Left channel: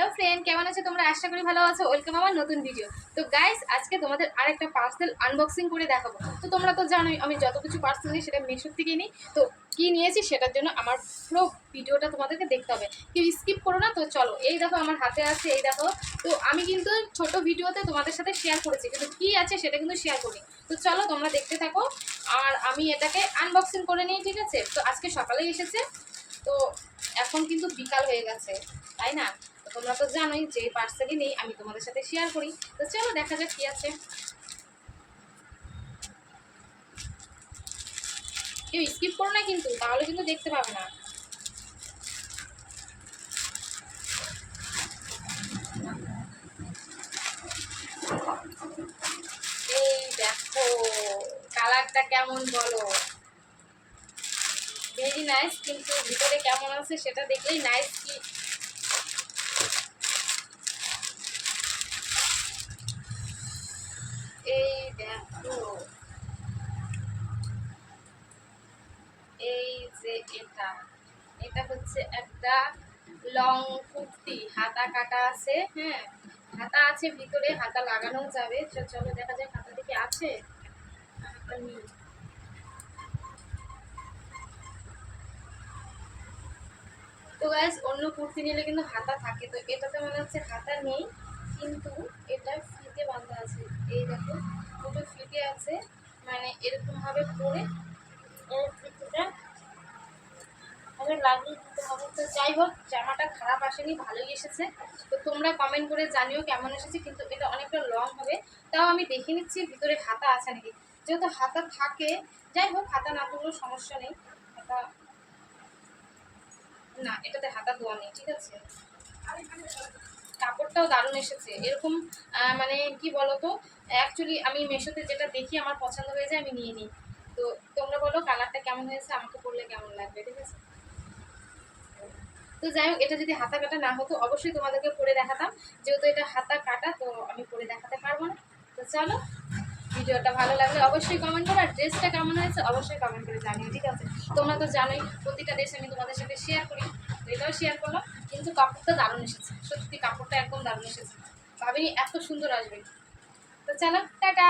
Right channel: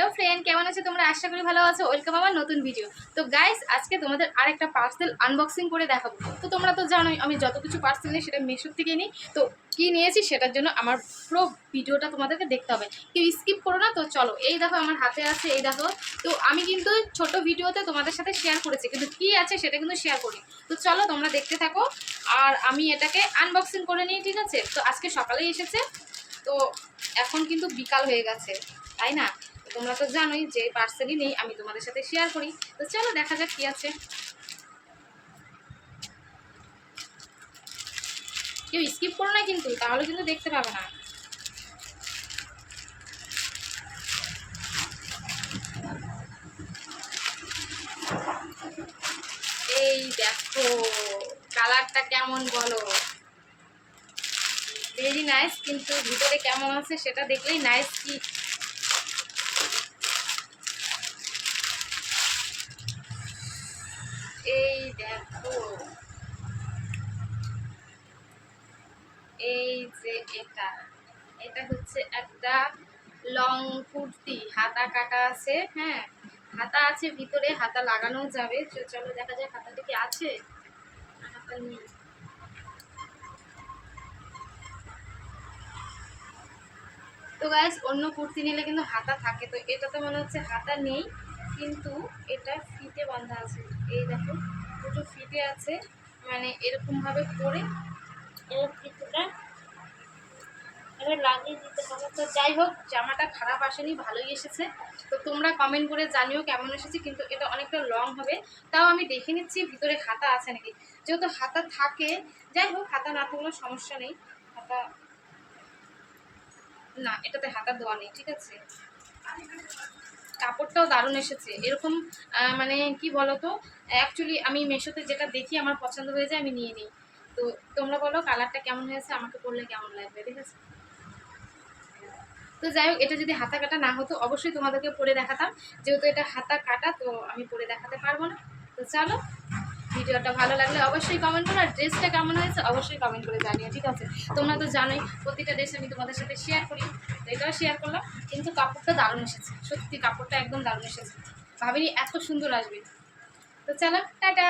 Hello friend, কেমন আছে তোমরা? আশা করি ভালো আছো। ওয়েলকাম আমার নতুন ভিডিও তো গাইস আজকে তোমাদের আরেকটা পার্সেল আনবক্সিং করে দেখাবো। তো তোমরা তো জানোই, আমি যত কিছু পার্সেল নিই সেটা মেশোর থেকে নিই। তো কি নিয়েছি সেটার জন্য আমার পুরো ভিডিওটা তোমাদেরকে দেখতে হবে। কেউ স্কিপ করো না, তো চলো। এই দেখো আমার হাতে আছে, এই দেখো। তো আমি কিন্তু ছোট ভিডিওতে তোমাদের সাথে শেয়ার করেছি, কিন্তু কি আছে সেটা কিন্তু শেয়ার করি তো চলো তোমরা দেখতে থাকো। আর আমি এটাকে আনবক্সিং করে নিই, ঠিক আছে? তো আজকে সকালেই এসেছে। তো এখন কিন্তু বিকাল হয়ে গেছে, তাই না? তোমরা তো জানোই যে পার্সেলই নেই, আমি তোমাদের সাথে শেয়ার করি। তো চলো দেখা যাক কি আছে। কেউ স্কিপ করো না কিন্তু, তাহলে কিন্তু দেখতে পাবে না। এই দেখো কালারটা কেমন বলো? ভেরি নাইস কিন্তু ভিতরে কেমন আছে সেটা দেখলেই নাইস কি দেখো এই যে এটা এটা হচ্ছে একটা লং কুর্তি। হাতা কাটা আছে হ্যাঁ? হাতা আছে, ভিতরে হাতা লাগানো যাবে। তো চলো দেখা হাতাটা কি আছে। তো গাইস অন্য কুর্তি নিলে কিন্তু হাতা থাকে। তো এটাতে মনে হচ্ছে হাতা নেই, কিন্তু এটা ফিতে বাঁধা আছে। এই দেখো, দুটো ফিতে আছে মানে এরকম ভাবে পরে এর ফিতেটা লাগিয়ে দিতে হবে। তো যাই হোক, জামাটা খারাপ আসেনি, ভালোই এসেছে। তো তোমরা কমেন্ট করে জানিও কেমন এসেছে, কিন্তু এটা অনেকটা লং হবে। তাও আমি দেখে নিচ্ছি, ভিতরে হাতা আছে নাকি। যেহেতু হাতা থাকে, যাই হোক, হাতা না থাকলেও সমস্যা নেই। হাতা না, এটাতে হাতা দেওয়া নেই, ঠিক আছে? কাপড়টাও দারুণ এসেছে। এরকম মানে কি বলতো অ্যাকচুয়ালি আমি মেশোতে যেটা দেখি আমার পছন্দ হয়ে যায়, আমি নিয়ে নিই। তো তোমরা বলো কালারটা কেমন হয়েছে, আমাকে পরলে কেমন লাগবে, ঠিক আছে? তো যাই হোক, এটা যদি হাতা কাটা না হতো, অবশ্যই তোমাদেরকে পরে দেখাতাম। যেহেতু এটা হাতা কাটা, তো আমি পরে দেখাতে পারব না। তো চলো, ভিডিওটা ভালো লাগলে অবশ্যই কমেন্ট করো, আর ড্রেসটা কেমন হয়েছে, অবশ্যই কমেন্ট করে জানিও, ঠিক আছে? তোমরা তো জানোই, প্রতিটা ড্রেস আমি তোমাদের সাথে শেয়ার করি। এটাও শেয়ার করলাম, কিন্তু কাপড়টা দারুণ এসেছে, সত্যি কাপড়টা একদম দারুণ এসেছে। ভাবিনি এত সুন্দর আসবে। তো চলো, টাটা!